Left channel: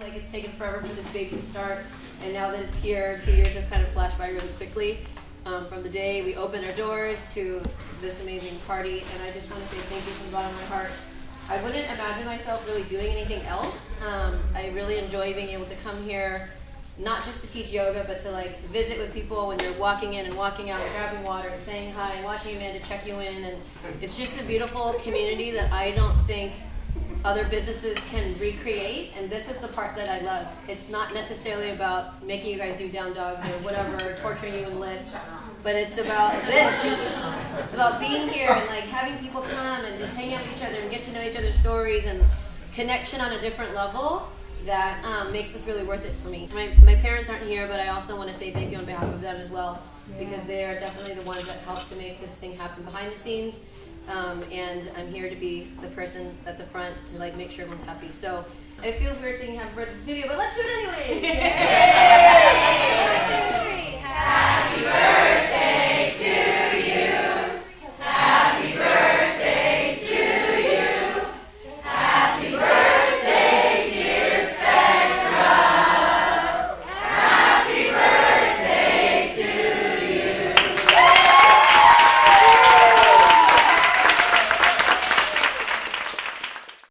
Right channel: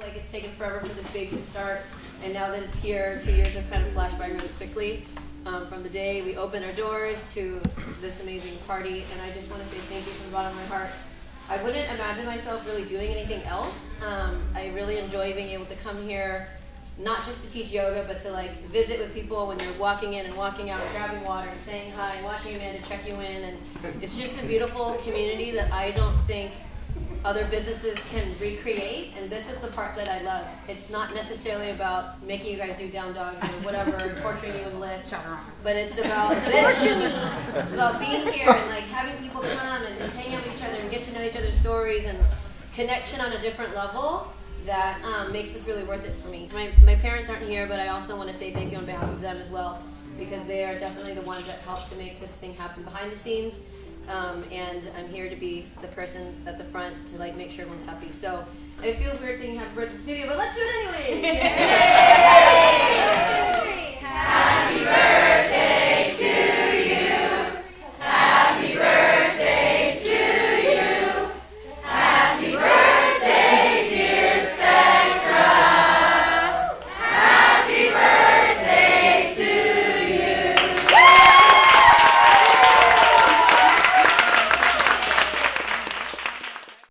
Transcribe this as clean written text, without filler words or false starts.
Like it's taken forever for this baby to start, and now that it's here, 2 years have kind of flashed by really quickly. From the day we opened our doors to this amazing party, and I just want to say thank you from the bottom of my heart. I wouldn't imagine myself really doing anything else. I really enjoy being able to come here, not just to teach yoga, but to like visit with people when you're walking in and walking out, and grabbing water and saying hi and watching Amanda check you in, and it's just a beautiful community that I don't think other businesses can recreate, and this is the part that I love. It's not necessarily about making you guys do down dogs or whatever, torturing you and lift, but it's about this. It's about being here and like having people come and just hang out with each other and get to know each other's stories and connection on a different level that makes this really worth it for me. My parents aren't here, but I also want to say thank you on behalf of them as well, because they are definitely the ones that helped to make this thing happen behind the scenes. And I'm here to be the person at the front to like make sure everyone's happy. So it feels weird singing Happy Birthday in the studio, but let's do it anyway! Yay!